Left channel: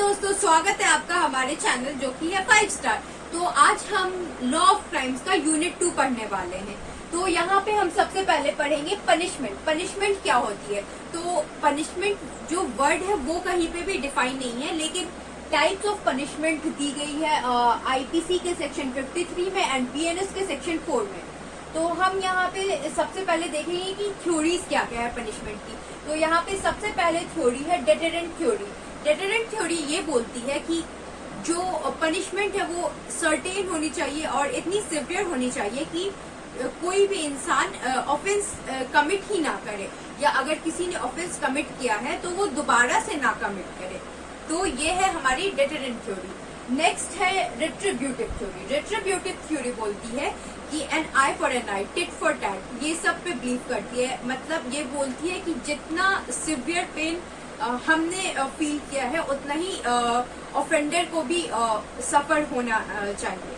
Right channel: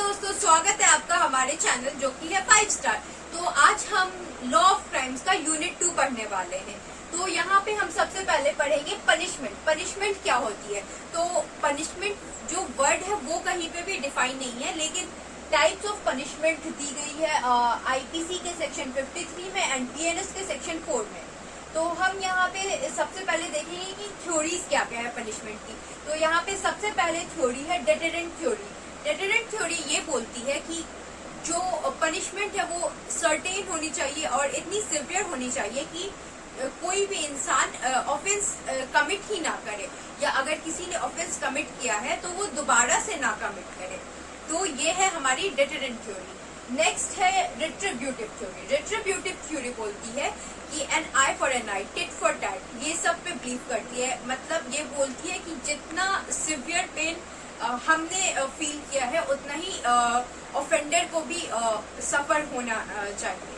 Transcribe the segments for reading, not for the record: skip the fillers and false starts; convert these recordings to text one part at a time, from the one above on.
दोस्तों, स्वागत है आपका हमारे चैनल जो कि है 5 स्टार। तो आज हम लॉ ऑफ क्राइम्स का यूनिट 2 पढ़ने वाले हैं। तो यहाँ पे हम सबसे पहले पढ़ेंगे पनिशमेंट। पनिशमेंट क्या होती है? तो पनिशमेंट जो वर्ड है वो कहीं पे भी डिफाइन नहीं है, लेकिन टाइप्स ऑफ पनिशमेंट दी गई है आईपीसी के सेक्शन 53 में एंड बीएनएस के सेक्शन 4 में। तो हम यहाँ पे सबसे पहले देखेंगे कि थ्योरीज क्या क्या है पनिशमेंट की। तो यहाँ पे सबसे पहले थ्योरी है डेटरेंट थ्योरी। डेटरेंट थ्योरी ये बोलती है कि जो पनिशमेंट है वो सर्टेन होनी चाहिए और इतनी सिवियर होनी चाहिए कि कोई भी इंसान ऑफेंस कमिट ही ना करे, या अगर किसी ने ऑफेंस कमिट किया है तो वो दोबारा से ना कमिट करे। तो ये है हमारी डेटरेंट थ्योरी। नेक्स्ट है रेट्रिब्यूटिव थ्योरी। रेट्रिब्यूटिव थ्योरी बोलती है कि an eye for an eye, tit for tat, ये सब पे बिलीव करती है। मतलब ये बोलती है कि जितना सिवियर पेन हमने फील किया है उतना ही ऑफेंडर को भी सफर होना चाहिए।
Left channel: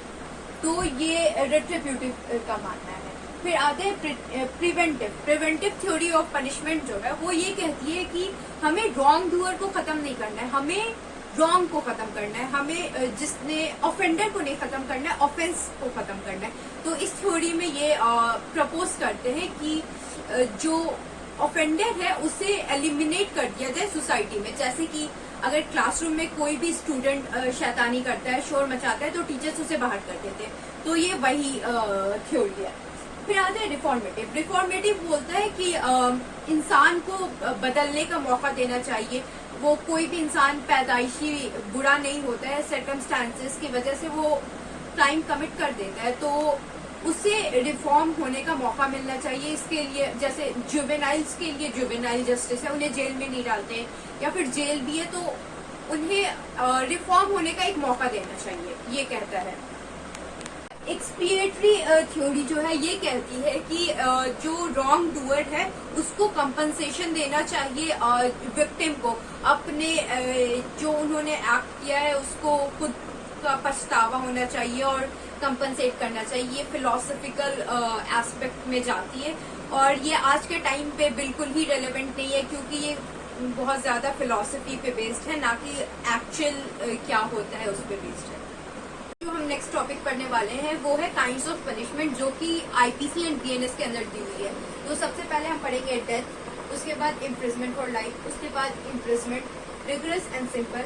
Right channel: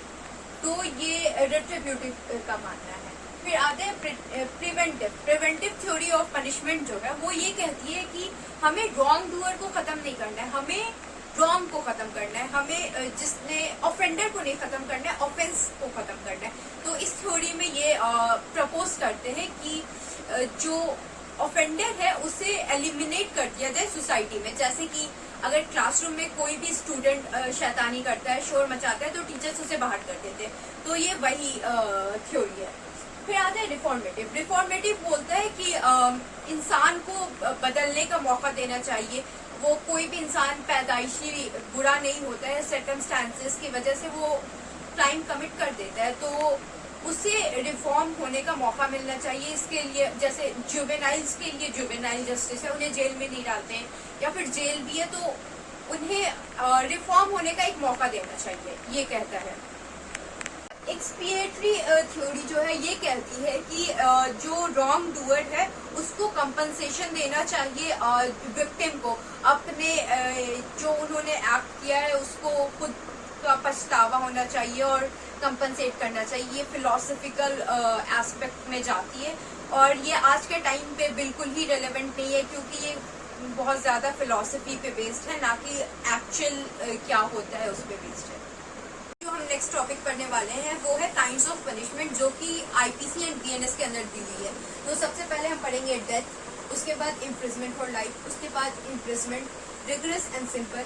तो ये रेट्रिब्यूटिव का मानना है। फिर आते हैं preventive. Preventive theory of punishment जो है वो ये कहती है कि हमें रॉन्ग डूअर को खत्म नहीं करना है, हमें रॉन्ग को खत्म करना है, हमें जिसने ऑफेंडर को नहीं खत्म करना है, ऑफेंस को खत्म करना है। तो इस थ्योरी में ये प्रपोज करते हैं कि जो ऑफेंडर है उसे एलिमिनेट कर दिया जाए सोसाइटी में। जैसे कि अगर क्लासरूम में कोई भी स्टूडेंट शैतानी करता है, शोर मचाता है, तो टीचर्स उसे बाहर कर देते हैं। तो ये वही थ्योरी है। फिर आता है रिफॉर्मेटिव। रिफॉर्मेटिव बोलता है कि इंसान को बदलने का मौका देना चाहिए। वो कोई भी इंसान पैदाइशी बुरा नहीं होता है, सर्कमस्टांसेस की वजह से वो क्राइम कमिट कर देता है, तो उसे रिफॉर्म होने का मौका मिलना चाहिए। इसके लिए जैसे जुवेनाइल्स के लिए जुवेनाइल जस्टिस है, उन्हें जेल में नहीं डालते हैं, या फिर जेल भी है तो उन्हें रिफॉर्म होने का एक मौका देना चाहिए, ये कहता है। एक्सपिएटरी थ्योरी जो है ये कहती है कि जो रॉन्ग डूअर है उसको कंपनसेशन देना चाहिए विक्टिम को। अपने जो उन्होंने एक्ट किया है उसको खुद का पछतावा होना चाहिए और कंपनसेट करना चाहिए। ये फिलोसफिकल एस्पेक्ट में जाती है और ये आज के टाइम पे बिल्कुल ही रेलेवेंट नहीं है, क्योंकि ये बहुत ज्यादा फिलोसफी पे बेस्ड है, ना कि एक्चुअल क्या होता है उस पे बेस्ड है। जो हम नेक्स्ट टॉपिक पढ़ने वाले हैं वो है काइंड्स ऑफ पनिशमेंट, जो कि आईपीसी एंड बीएनएस के अंदर दी हुई है। तो सबसे पहले हम पढ़ेंगे डेथ, उसके बाद इम्प्रिजमेंट फॉर लाइफ, उसके बाद imprisonment, rigorous and simple,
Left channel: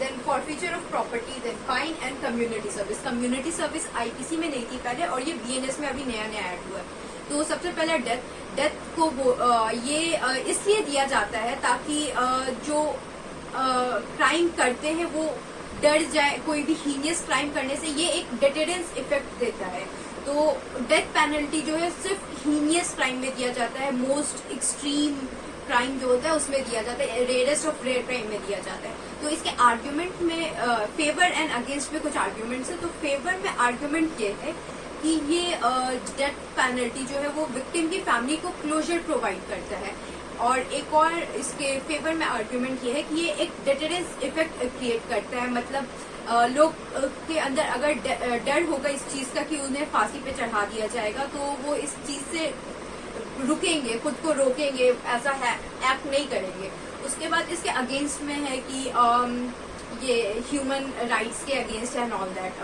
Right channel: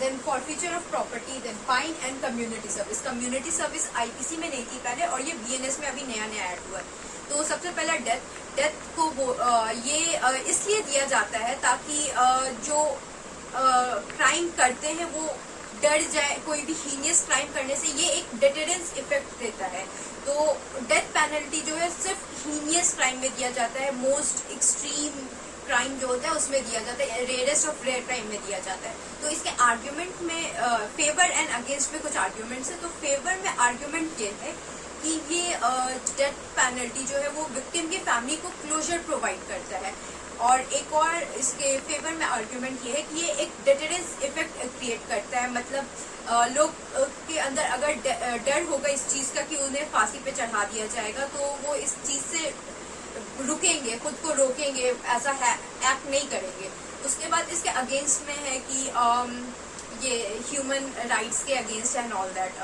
then forfeiture of property, then fine and community service. Community service IPC में नहीं थी पहले और ये बीएनएस में अभी नया नया ऐड हुआ है। तो सबसे पहला डेथ। डेथ को ये इसलिए दिया जाता है ताकि जो क्राइम करते हैं वो डर जाए कोई भी हीनियस क्राइम करने से। ये एक डेटरेंस इफेक्ट देता है। तो डेथ पेनल्टी जो है सिर्फ हीनियस क्राइम में दिया जाता है, मोस्ट एक्सट्रीम क्राइम जो होता है उसमें दिया जाता है, रेयरेस्ट ऑफ रेयर क्राइम में दिया जाता है। तो इसके आर्ग्यूमेंट में फेवर एंड अगेंस्ट में कुछ आर्ग्यूमेंट्स है। तो फेवर में आर्ग्यूमेंट ये है कि ये डेथ पेनल्टी जो है वो विक्टिम की फैमिली को क्लोजर प्रोवाइड करता है। और एक और इसके फेवर में आर्ग्यूमेंट ये है कि ये एक डेटरेंस इफेक्ट क्रिएट करता है। मतलब लोग के अंदर अगर डर होगा इस चीज का कि उन्हें फांसी पे चढ़ा दिया जाएगा, तो वो इस चीज से रुकेंगे, खुद को रोकेंगे, ऐसा एक्ट नहीं करेंगे। उसके बाद इसके अगेंस्ट में है कि ये ह्यूमन राइट्स के अगेंस्ट है एंड ऑल दैट।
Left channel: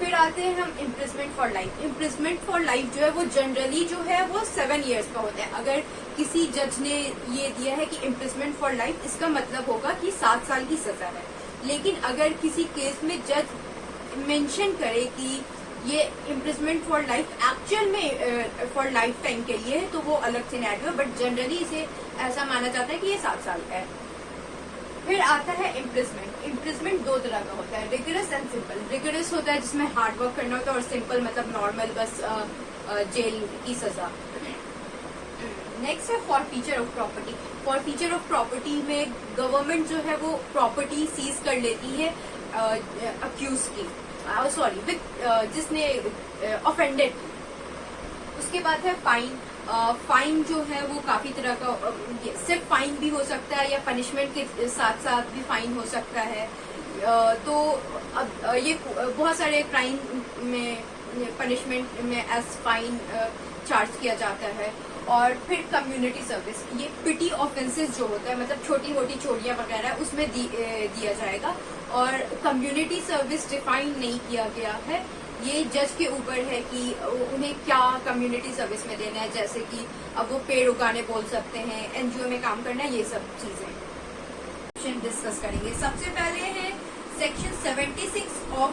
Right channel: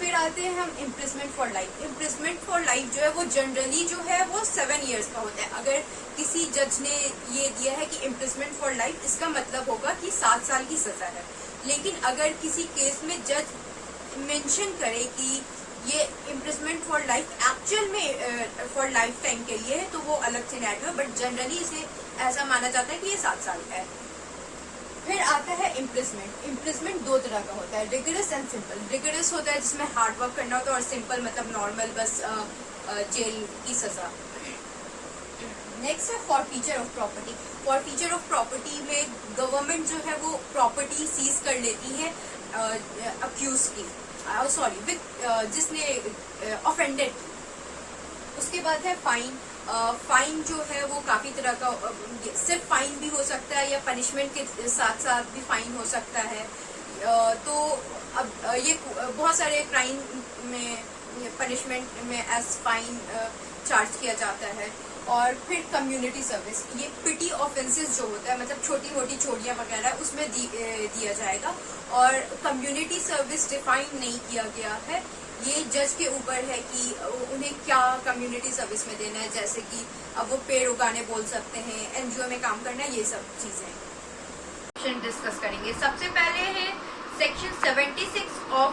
फिर आते हैं हम imprisonment for life. Imprisonment for life जो है वो जनरली जो है वो 7 years का होता है। अगर किसी जज ने ये दिया है कि इम्प्रिजमेंट फॉर लाइफ, इसका मतलब होगा कि 7 साल की सजा है। लेकिन अगर किसी केस में जज मेंशन करे कि ये इम्प्रिजमेंट फॉर लाइफ एक्चुअल में फॉर लाइफ टाइम के लिए है, तो वो अलग से ऐड हुआ, बट जनरली इसे ऐसा माना जाता है कि ये 7 साल का है। फिर आता है इम्प्रिजमेंट। इम्प्रिजमेंट 2 तरह का होता है, रिगरस एंड सिंपल। रिगरस होता है जिसमें हार्ड वर्क करना होता है, और सिंपल मतलब नॉर्मल बस जेल की सजा। नेक्स्ट है forfeiture of property. Forfeiture of property में गवर्नमेंट जो है वो प्रॉपर्टी सीज कर लेती है अक्यूज की, सॉरी जिसने ऑफेंडेड। उसके बाद है फाइन। फाइन जो है वो काफी तरह का, सिर्फ फाइन भी हो सकता है या पनिशमेंट के साथ साथ भी फाइन हो सकता है। तो अब ये बहुत सारे क्राइम में पनिशमेंट में एज फाइन चार्ज किया जाता है। और फिर कम्युनिटी सर्विस, ये पिटी ऑफेंसेस जो होता है, मतलब छोटी मोटी चोरियां वगैरह, उसमें दिया जाएगा। और कम्युनिटी सर्विस डिफाइन नहीं किया गया है, ये जज के ऊपर है कि उन्हें क्या कम्युनिटी सर्विस में देना है, जैसे कि अब वो पेड़ उगाने बोल सकते हैं, एनजीओ में काम करना, ये सब चीजें डिस्कस करेंगे। सबसे पहले है सेक्शन 76 ऑफ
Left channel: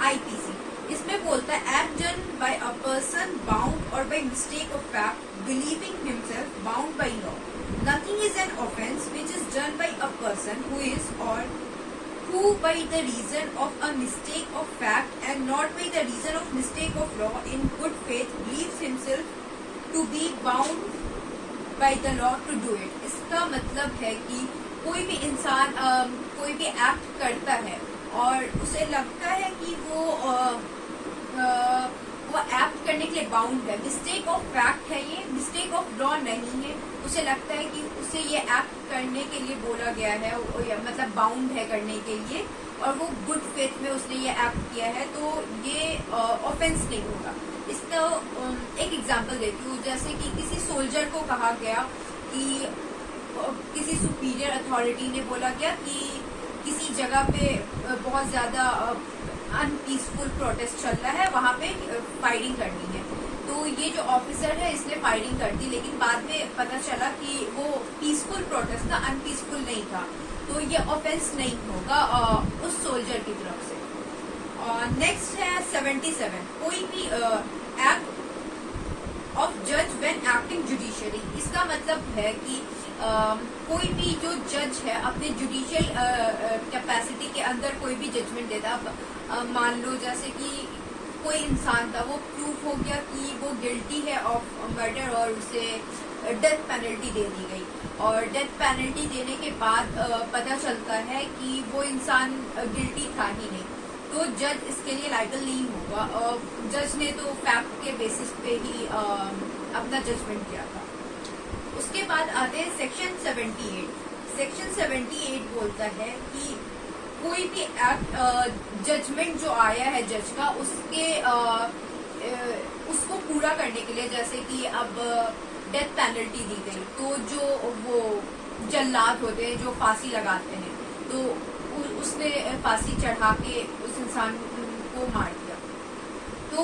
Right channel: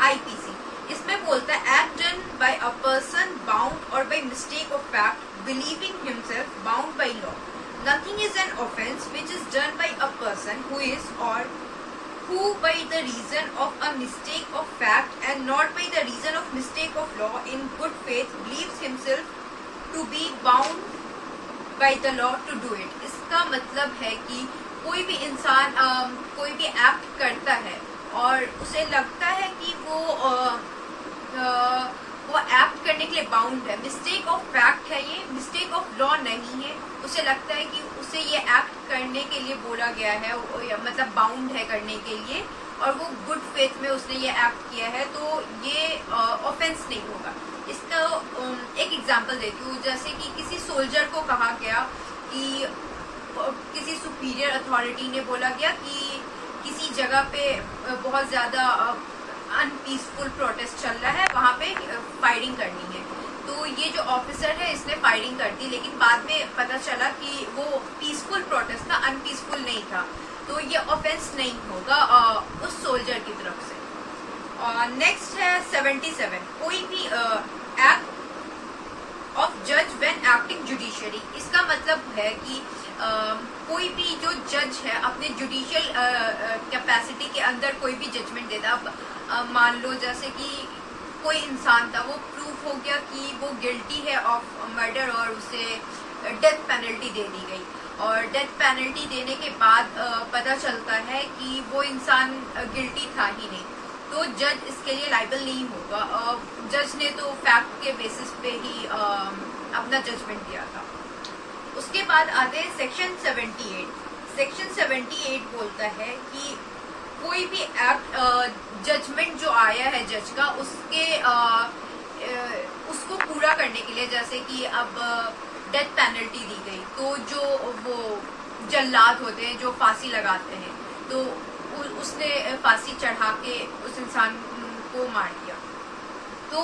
आईपीसी। इसमें बोलता है act done by a person bound or by mistake of fact believing himself bound by law. Nothing is an offence which is done by a person who is or who by the reason of a mistake of fact and not by the reason of mistake of law in good faith believes himself to be bound by the law to do it। इसका मतलब है कि कोई भी इंसान कोई भी act करता है और उसे लगता है कि वो एक्ट करने के लिए बाउंड है, मिस्टेक ऑफ फैक्ट है, ये मिस्टेक ऑफ लॉ नहीं है, उसे लगता है कि उसे ये एक्ट करने के लिए बोला गया है, मतलब बाउंड है करने के लिए, और वो गुड फेथ में उसने ये एक्ट किया है, तो ये ऑफेंस नहीं होगा। इसका एक एग्जांपल देती हूँ, जैसे कि किसी सोल्जर को कहा गया कि किसी सुपीरियर अथॉरिटी ने बोला गया कि किसी जगह पे बहुत ज्यादा अनपीसफुल प्रोटेस्ट चल रहा है, वहां पे फायरिंग करनी है। तो ये जो ऑफिसर है इसने फायरिंग कर दी, लेकिन बाद में पता चला कि वो पीसफुल प्रोटेस्ट था, अनपीसफुल नहीं था, तो ये ऑफेंस नहीं होगा उस सोल्जर की तरफ से। नेक्स्ट है 77, कोई भी एक्ट ऑफ जज व्हेन एक्टिंग जुडिशियरी। इसका मतलब है कि कोई भी जो जज है अपने जुडिशियल कैपेसिटी के अंदर कोई भी जजमेंट देता है। मान लो जैसे कि कोई इंसान था, वो प्रूफ हो गया कि वो गिल्टी है ऑफ मर्डर और उसे डेथ पेनल्टी दे दी गई, और डेथ पेनल्टी देने के बाद पता चलता है कि वो इंसान गिल्टी था ही नहीं, तो जज इसके लिए लायबल नहीं होगा। जज ने तो फैक्ट के बेसिस पे ही अपना जजमेंट दिया था। उसके बाद आते हैं सेक्शन 78। सेक्शन 78 बोलता है कि कोई भी एक्ट जजमेंट जो आया है जज का, उसको पूरा करने के लिए, जैसे कि अब डेथ पेनल्टी दी गई, तो जो वो जल्लाद होते हैं जो फांसी लगाते हैं, तो उसने फांसी चढ़ा के उस इंसान को मार दिया, तो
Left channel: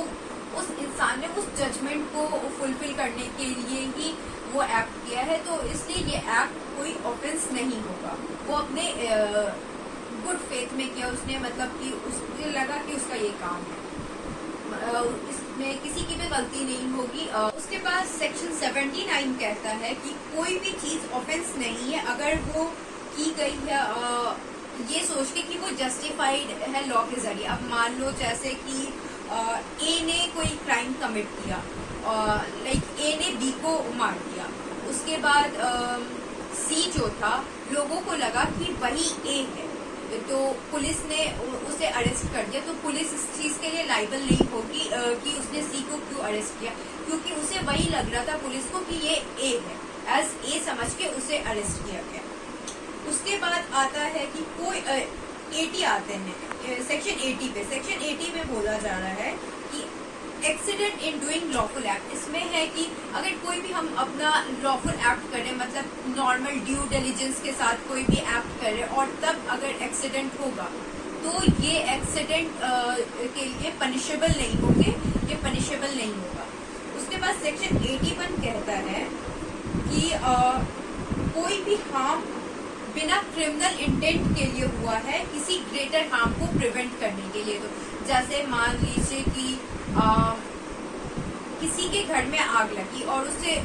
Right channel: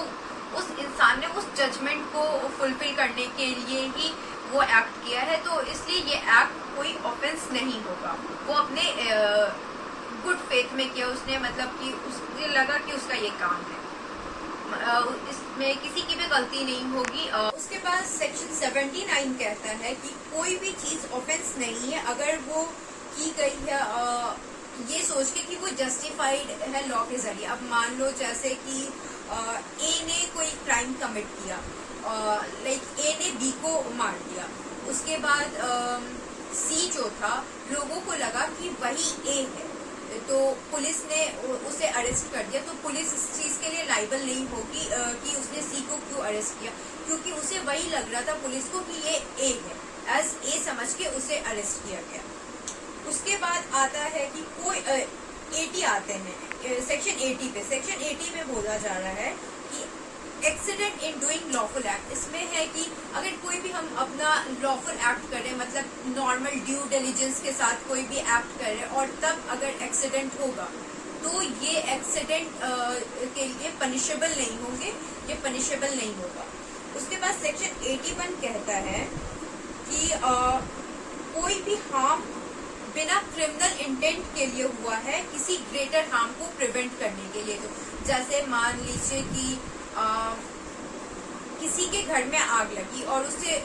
उस इंसान ने उस जजमेंट को फुलफिल करने के लिए ही वो एक्ट किया है, तो इसलिए ये एक्ट कोई ऑफेंस नहीं होगा। वो अपने गुड फेथ में किया उसने, मतलब कि उसने लगा कि उसका ये काम है, इसमें किसी की भी गलती नहीं होगी। उसके बाद सेक्शन 79 कहता है कि कोई भी चीज ऑफेंस नहीं है अगर वो की गई है ये सोच के कि वो जस्टिफाइड है लॉ के जरिए। अब मान लो जैसे कि ए ने कोई क्राइम कमिट किया, लाइक ए ने बी को मार दिया, उसके बाद सी जो था लोगों को लगा कि वही ए है, तो पुलिस ने उसे अरेस्ट कर दिया, तो पुलिस इस चीज के लिए लायबल नहीं होगी कि उसने सी को क्यों अरेस्ट किया, क्योंकि उसे वही लग रहा था पुलिस को कि ये ए है, एज ए समझ के उसे अरेस्ट किया गया। उसके बाद आता है कि कोई 80 आते हैं सेक्शन 80 पे। सेक्शन 80 में बोला जा रहा है कि accident in doing lawful act. इसमें है कि अगर कोई भी हम अपना लॉफुल एक्ट करें, मतलब नॉर्मल ड्यू डिलिजेंस के साथ कोई भी एक्ट करें और तब अगर एक्सीडेंट होगा, तो ये एक्सीडेंट के लिए पनिशेबल नहीं होंगे, ये पनिशेबल नहीं होगा। उसके बाद सेक्शन 81 कहता है कि कोई भी हार्म बिना क्रिमिनल इंटेंट के लिए हुआ है किसी ग्रेटर हार्म को प्रिवेंट करने के लिए। तो जैसे मान लीजिए कि किसी के घर में आग लगी और उससे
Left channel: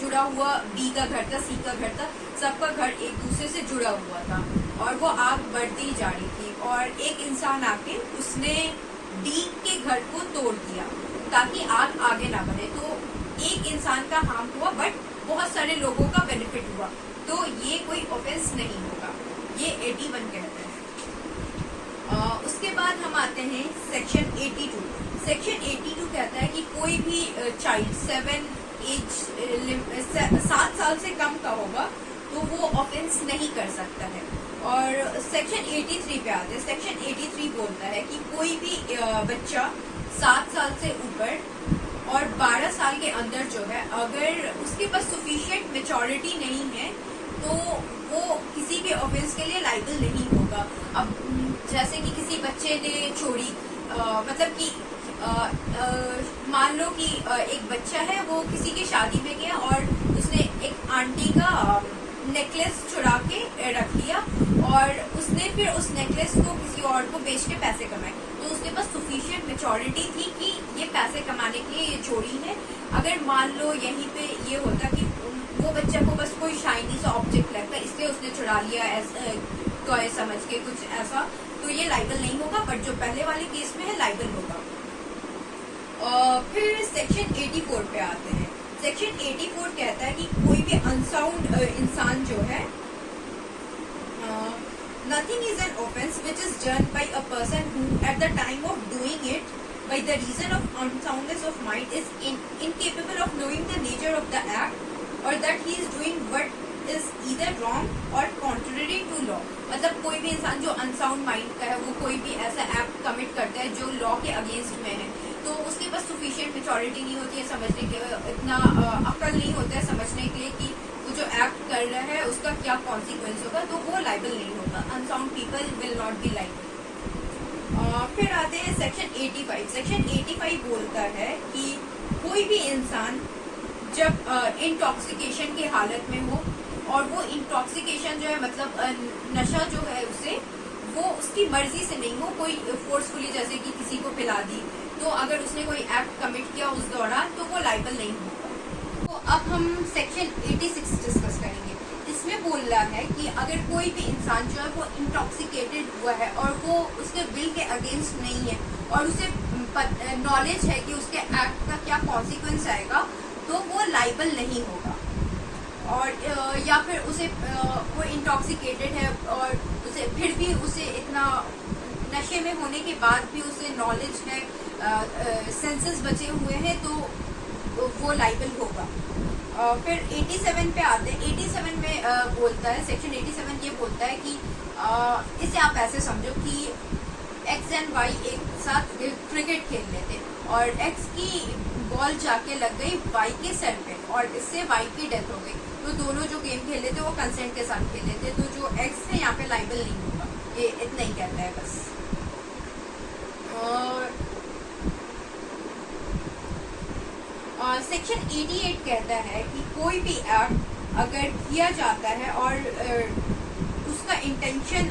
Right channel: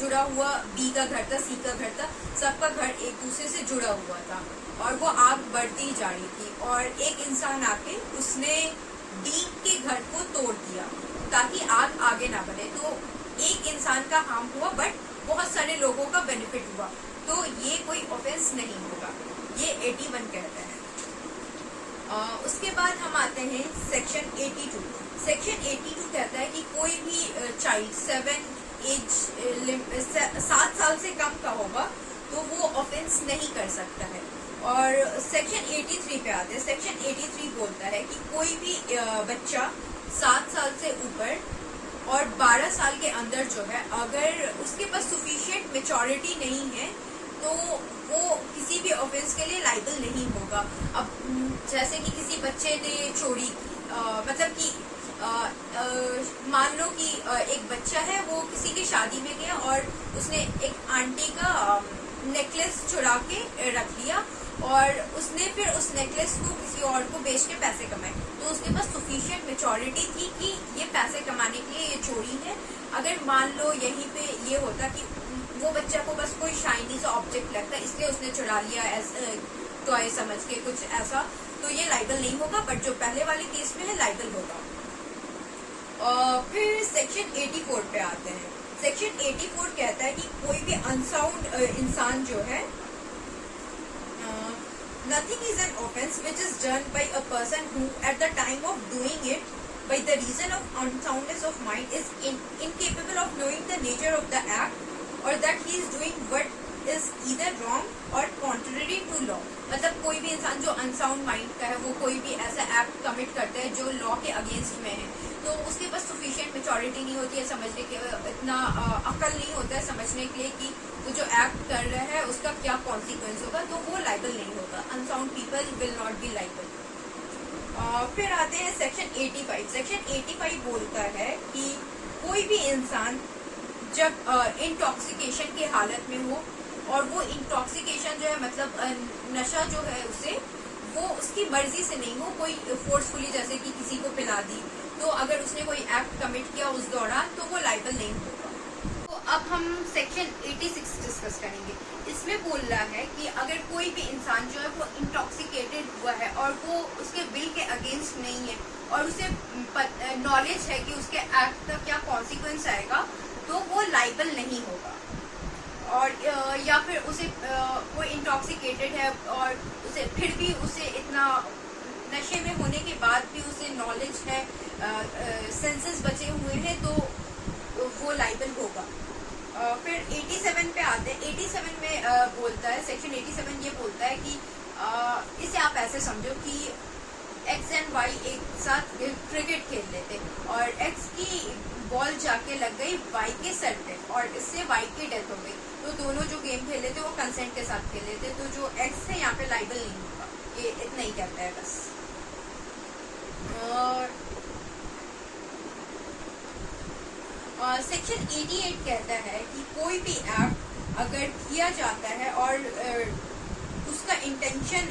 जुड़ा हुआ बी का घर था, सी का घर था, सबका घर एक दूसरे से जुड़ा हुआ था और वो आग बढ़ती ही जा रही थी, और एक इंसान आके उसने डी के घर को तोड़ दिया ताकि आग आगे ना बढ़े। तो एक इंसान का हार्म हुआ बट बहुत सारे लोगों का बेनिफिट हुआ, तो ये कोई ऑफेंस नहीं होगा, ये 81 कहता है। उसके बाद हम आते हैं सेक्शन 82। सेक्शन 82 कहता है कि कोई भी चाइल्ड 7 साल से कम का होगा तो वो ऑफेंस नहीं कर सकता है। और सेक्शन 83 पे आते हैं। सेक्शन 83 बोलता है कि कोई भी बच्चा 7 साल से ऊपर और 12 साल के अंदर जो है अगर उसके पास सफिशिएंट मेच्योरिटी नहीं है तो वो किसी भी ऑफेंस के लिए लाइबल नहीं होगा। अब जैसे कि किसी बच्चे ने चोरी मतलब कि मान लो कि एक बच्चा है वो किसी की शादी में गया और उसने एक आंटी का नेकलेस चुरा के रख लिया और उसने फिर उस नेकलेस को किसी और को बेच के पैसे कमाए, तो उसके पास सफिशिएंट मेच्योरिटी थी कि ये पैसे कमाने के लिए ये चोरी है। अगर मान लो यहीं पे ये होता कि वो बच्चा को बस कोई शाइनी सा ऑब्जेक्ट लगता है इसलिए उसने चुरा लिया टॉय समझ के कुछ ऐसा, तो ये लाइबल नहीं होगा। बट जो पहले वाले केस में है लाइबल होगा। फिर सेक्शन 84 पे आते हैं। सेक्शन 84 कहता है कि कोई भी अनसाउंड इंसान जो है nothing is an offence which is done by a person who at the time of doing it by the reason of unsoundness of mind is incapable of knowing the nature of the act or that he is doing what is either wrong or contrary to law। मतलब कोई भी इंसान जो unsound mind का है वो कोई भी ऐसा एक्ट कमिट करता है जो लॉ के अगेंस्ट में है, तो उसके पास सफिशिएंट मेच्योरिटी नहीं होती है समझने के, इतना अक्ल नहीं होता है समझने के लिए कि वो जो एक्ट कर रहा है उसका क्या कॉन्सिक्वेंस होगा, तो वो लाइबल नहीं होगा। Unsound people will not be liable. फिर आते हैं सेक्शन 85। सेक्शन 85 बोलता है कि कोई भी इंसान जब इंटॉक्सिकेशन की हालत में हो और वो इंटॉक्सिकेशन जो है मतलब नशा जो है उसे वो उसकी मर्जी से नहीं हो, कोई फोर्सफुली जैसे कि किसी को पिला दी, तो अगर उसने कोई एक्ट कमिट किया उस दौरान तो वो लाइबल नहीं होगा। तो अब हम सेक्शन 86 डिस्कस करेंगे। इसमें बोल रहा है कि अगर कोई भी इंसान जो है वो इंटॉक्सिकेटेड हुआ है और वो उसके विल के अगेंस्ट नहीं है और उसे नॉलेज है कि उसके एक्ट का क्या कॉन्सिक्वेंस आएगा, तो वो लाइबल नहीं होगा। और या फिर उसे वो इंटॉक्सिकेटेड है और उसे फिर भी उसे इतना नशे में होने के बाद भी उसे नॉलेज है, सेंसेस बचे हुए हैं, तो वो लाइबल होगा। फिर 87 पे आते हैं। 87 में बोलता है, सेक्शन 87 ये बोलता है कि इसे आप ऐसे समझो कि एक्स एंड वाई एक साथ क्रिकेट खेल रहे थे और एक्स की बॉल जाके लग गई वाई के सर पे और इससे वाई की डेथ हो गई, तो दोनों जो गेम खेल रहे थे वो कंसेंट के साथ खेल रहे थे, तो जो एक्स है यहाँ पे लाइबल नहीं होगा। ये इतना ही कहता है बस। सेक्शन 88 कहता है कि कोई भी एक्ट अगर किया जाता है और उसका इंटेंशन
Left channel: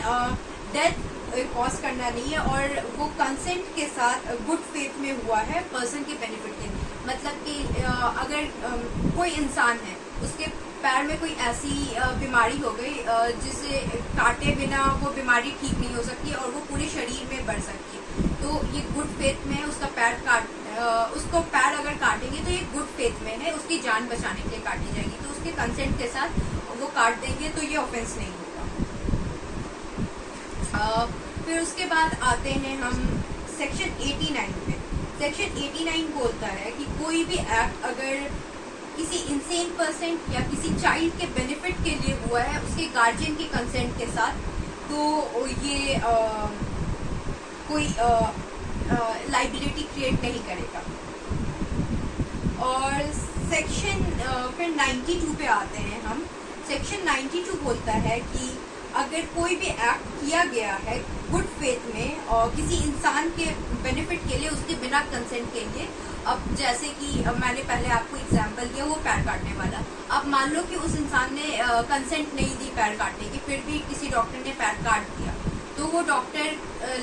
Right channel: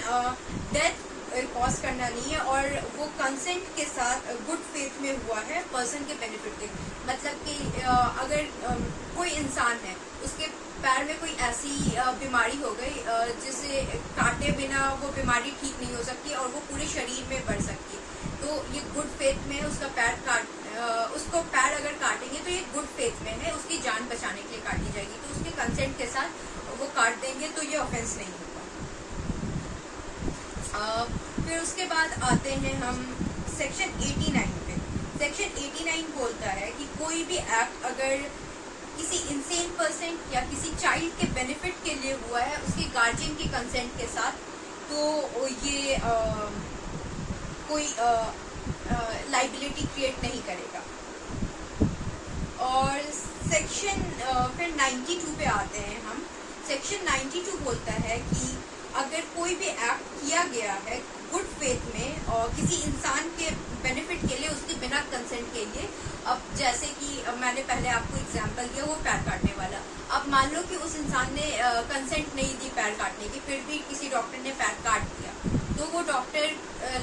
डेथ कॉज करना नहीं है और वो कंसेंट के साथ गुड फेथ में हुआ है पर्सन के बेनिफिट के, मतलब कि अगर कोई इंसान है उसके पैर में कोई ऐसी बीमारी हो गई जिसे काटे बिना वो बीमारी ठीक नहीं हो सकती और वो पूरे शरीर में बढ़ सकती है, तो ये गुड फेथ में उसका पैर उसको पैर अगर काटेंगे तो ये गुड फेथ में है, उसकी जान बचाने के लिए काटी जाएगी, तो उसके कंसेंट के साथ वो काट देंगे तो ये ऑफेंस नहीं होगा। फिर उसके बाद आते हैं हम सेक्शन 89 पे। सेक्शन 89 बोलता है कि कोई भी एक्ट अगर किसी इंसेन पर्सन या किसी चाइल्ड के बेनिफिट के लिए हुआ है उसके गार्जियन के कंसेंट के साथ, तो ये कोई लाइबिलिटी क्रिएट नहीं करेगा। और सेक्शन फिर 92 पे आते हैं हम। सेक्शन 92 बोलता है कि अगर कोई भी एक्ट किया गया है गुड फेथ में और किसी इंसान के बेनिफिट के लिए उसके बिना कंसेंट के लिए, अब जैसे कि मैंने पहले आपको एग्जांपल दिया वो पैर काटने वाला, अब मान लो कि उस इंसान ने कंसेंट नहीं दी पैर काटने की, फिर भी किसी डॉक्टर ने पैर काट दिया, तो वो डॉक्टर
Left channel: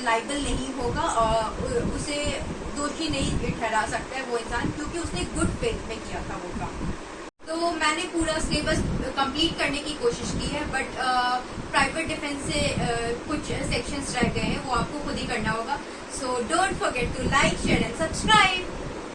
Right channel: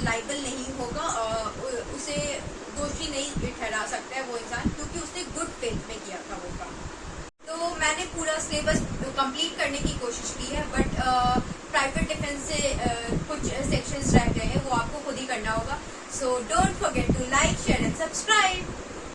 लाइबल नहीं होगा और उसे दोषी नहीं ठहरा सकता है वो इंसान, क्योंकि उसने गुड फेथ में किया था वो काम। तो मैंने पूरा सिलेबस कंप्लीट करने की कोशिश की है, बट प्राइवेट डिफेंस से कुछ सेक्शंस रह गए हैं, वो आपको खुद ही करना होगा। So don't forget to like, share and subscribe.